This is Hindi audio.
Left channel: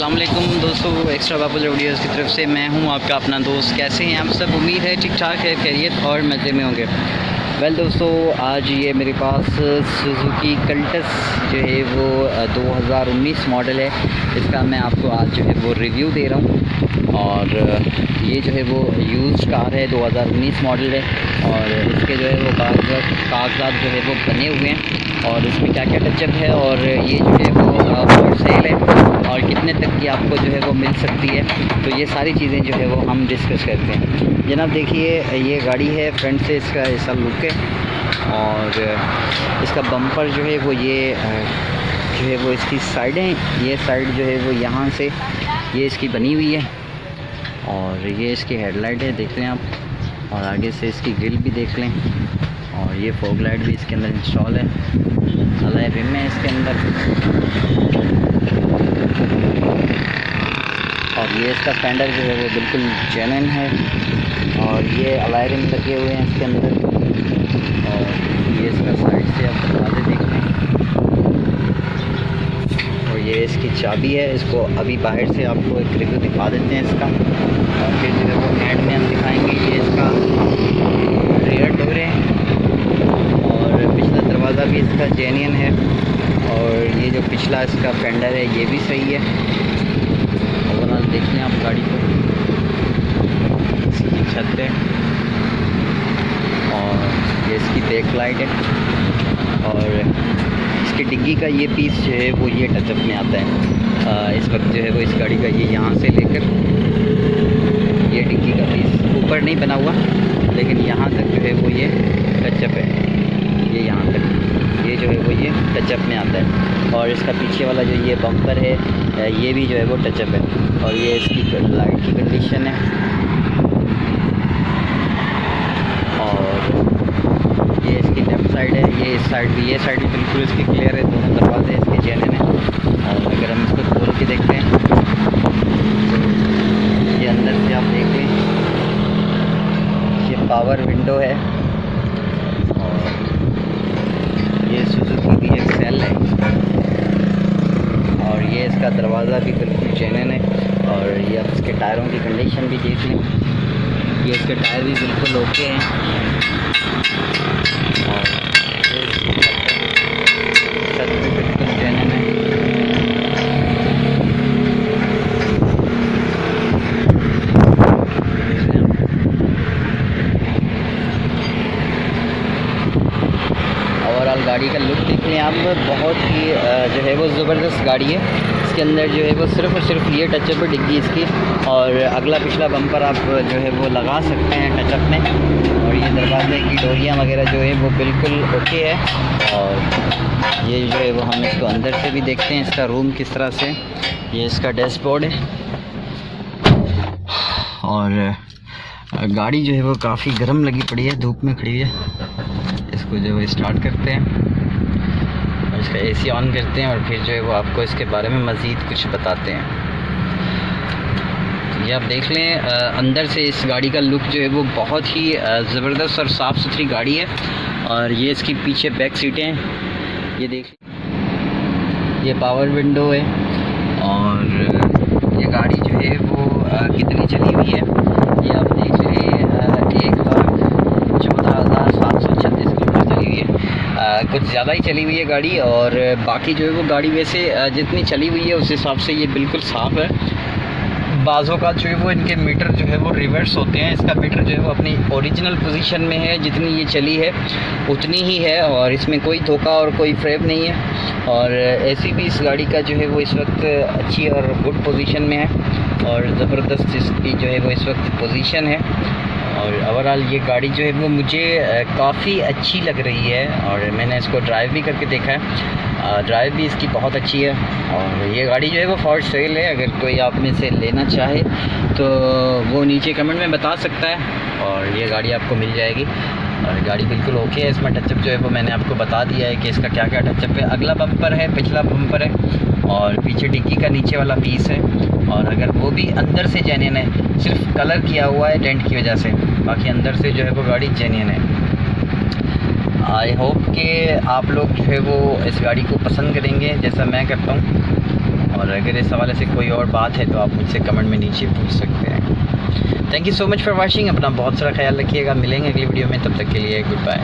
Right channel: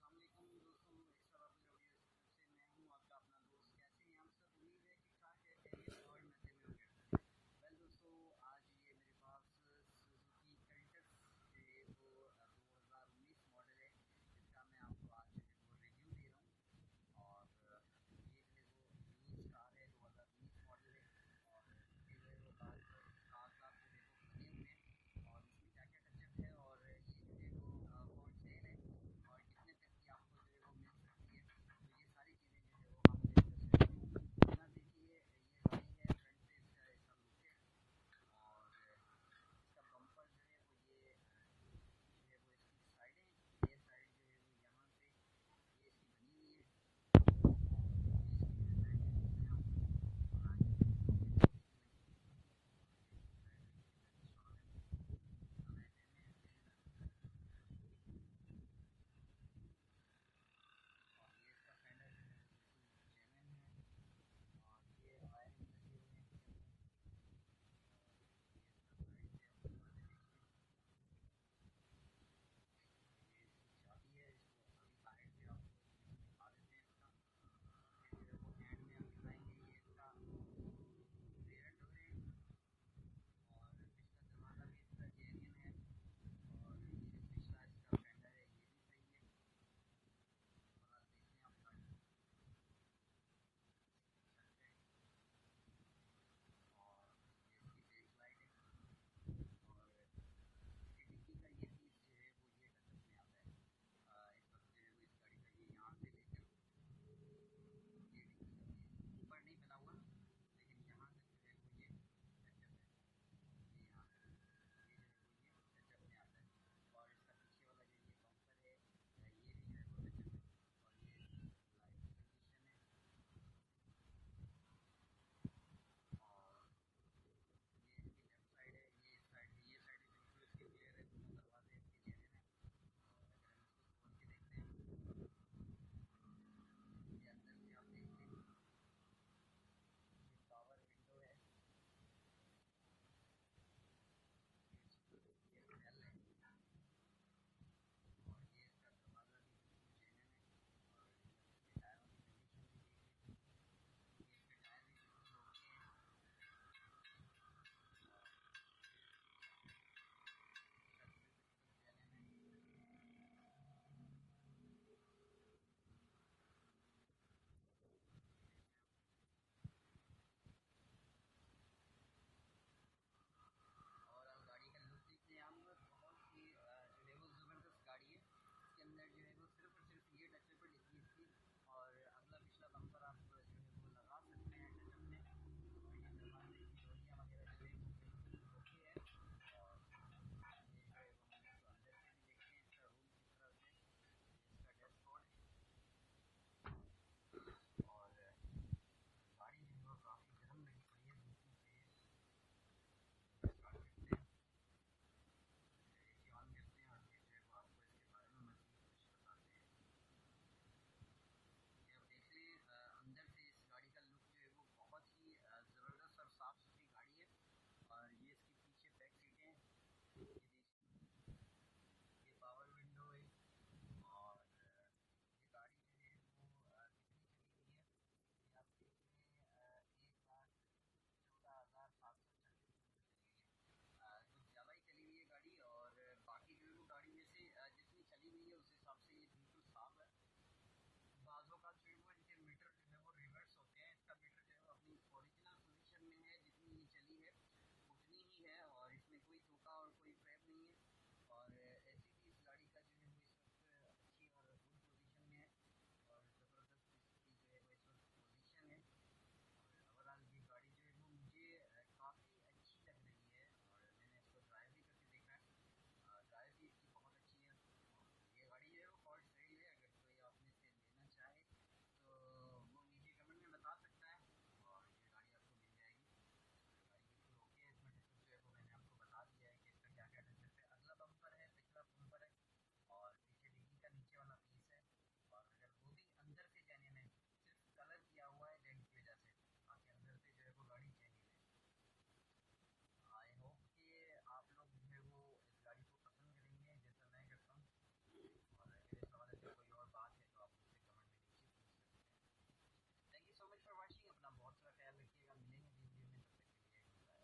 अस्सलाम वालेकुम दोस्तों, एक्स्ट्रा पॉपुलर वीडियोज़ की तरफ से मैं हूं आपका अपना दोस्त। कैसे हैं आप सब? उम्मीद है ठीक ठाक है, खैरियत और मज़े में होंगे। वेल दोस्तों, आज ये मेरे पास सुजुकी कल्टस जो है वो 2019 मॉडल है। इसका मैं आपको आज जो है वो रिव्यू दे रहा हूँ। और ये जो है वो यूज्ड कार है, 2019 मॉडल है। और इसके जो है वो कागजात जो है वो बने हुए हैं और इसमें क्या क्या टचअप है और ये जो है वो फॉर सेल है और कितने तक की आपको जो है वो मिल सकती है। तो ये सारी चीज़ें जो है वो हम डिस्कस करते हैं। जनाब देखिए, ये गाड़ी है, फ्रंट से इसका ऐसा लुक है और इसका बम्पर जो है वो ये जो है वो इसकी साइडें, ये साइड जो है वो यहाँ से ये इसकी बनी हुई है और ये इसकी हेडलाइट है, देख लें आप। और आगे से इसकी ग्रिल भी देख लें और ये फॉग लाइट भी इसके अंदर इंस्टॉल है। अलॉय रिम है इसके अंदर और ये इसका फेंडर जो है वो बिल्कुल जेन्युइन है और ये अलॉय रिम लगे हुए हैं इसके अंदर। और ये इसका साइड से आप दरवाजे देख लें और ये इसकी चाबी है। इसको अभी बाहर से आपको एक रिव्यू दिखा देते हैं इसका और फिर जो है वो एंड में हम दिखाएंगे। ये इसका रेयर डोर है और पिछला दरवाज़ा भी इसका जेन्युइन है और ये जो पिछला इसका फेंडर है ये भी सही है। ओवरऑल देख लें आप गाड़ी को, इसकी छत है और ये इसकी बैक लाइट है और इसकी डिग्गी का ये पीस जो है वो ये टचअप में आता है। इस वक्त जो है वो इस गाड़ी का ये यहाँ से लेकर ये डिग्गी का पीस ऊपर नहीं बना हुआ, लेकिन यहाँ तक जो है वो ये टचअप है। ये यहाँ तक ये जो है वो ये टचअप में आता है और इसका पीछे वाला जो ये बम्पर है ये भी जो है वो टचअप है। और ये इसकी लाइट की कंडीशन है और ये इसकी लेफ़्ट साइड है, ये इस साइड भी, ये साइड भी बिल्कुल इसकी क्लियर है। दोनों दरवाजे इसके जेन्युइन हैं। और अगर हम इसको खोल के देखते हैं, ये अंदर से आप देख लें, ये पावर विंडो है और ये सुजुकी की एक सेल है और ये इसका दरवाज़ा भी बिल्कुल जेन्युइन है। और ये अब इसके टायरों की कंडीशन भी देख लें, ये इसके टायर भी बिल्कुल ओके हैं और छत भी बिल्कुल जेन्युइन है। ओवरऑल गाड़ी का लुक देख लें आप, बहुत ही जो है वो ज़बरदस्त गाड़ी है। इसके अंदर जो है वो सिर्फ़ और सिर्फ ये टचअप है डिग्गी इसकी और अगला पिछला बम्पर आप जो है वो लगा सकते हैं टचअप में। और ये दरवाजे की डोरियाँ वगैरह जो है वो बिल्कुल ओके है। और ये जो है वो हम इसको अंदर से भी देखते हैं, इसका रूम किस तरह से। ये इसका डैशबोर्ड है और गाड़ी जो है वो काफ़ी गर्म लगी पड़ी है, धूप में खड़ी है। इसको जो है स्टार्ट करते हैं और इसका एसी ऑन करते हैं और फिर जो है वो आपको इसके बारे में मज़ीद कुछ बताते हैं। तो ये आप देख लें, अंदर से इस गाड़ी का लुक जो है वो बहुत ही ज़बरदस्त और साफ़ सुथरी गाड़ी है। और ये इसकी पीछे बैक सीटें हैं, ये देख लें, ये पावर विंडो है और ये गाड़ी जो है वो कितनी चली हुई है ये आप देख लें, 1,14,736 किलोमीटर चली हुई है। कुछ ज़्यादा ही चली हुई है गाड़ी। और बाकी जो है वो गाड़ी वैसे जितनी चली हुई है उस हिसाब से ये बिल्कुल साफ़ है। बाज़ों का जो है वो इनके मीटर जो है वो रिवर्स होते हैं, इसका मीटर जो है वो अपनी ओरिजिनल पोजीशन में है, जितनी ये चली है उतनी ही है और इसमें कोई धोखा और कोई फ्रेब नहीं है। और ऐसी भी इस गाड़ी का जो है वो इस वक्त अच्छी और गुड पोजीशन में है और ज़बरदस्त इसकी जो है वो इस वक्त पोजीशन है। और ओवरऑल ये गाड़ी जो है वो मुझे काफ़ी अच्छी लग रही है और मैंने इसको ड्राइव भी करके देखा है, ड्राइव भी इसकी बहुत अच्छी है। और ये गाड़ी जो है वो फॉर सेल है, अगर कोई आप में से लेना चाहे तो वो नीचे कमेंट में बता सकता है और ये गाड़ी आपको मिल जाएगी। और गाड़ी बिल्कुल ओके है। इसमें टचअप जो है वो मैंने आपको बता दिया है कि इसका क्या क्या टचअप है। अगला बम्पर है, पिछला बम्पर है और पीछे डिग्गी का नीचे वाला पीस है। और अगर वो भी अंदर से जेन्युइन है, सिर्फ कलर किया हुआ है डेंट की वजह से, बाकी अंदर से जो है वो गाड़ी जेन्युइन है। आई होप कि आप लोग जो है वो इस गाड़ी को पसंद करेंगे जैसा मैं करता हूँ। और अगर इस हवाले से कोई और बात है तो आप मुझसे कमेंट में नीचे पूछ सकते हैं। Thank you so much for watching. अपना बहुत सारा ख्याल रखिएगा। मिलेंगे अगली वीडियो में, तब तक के लिए गुड बाय।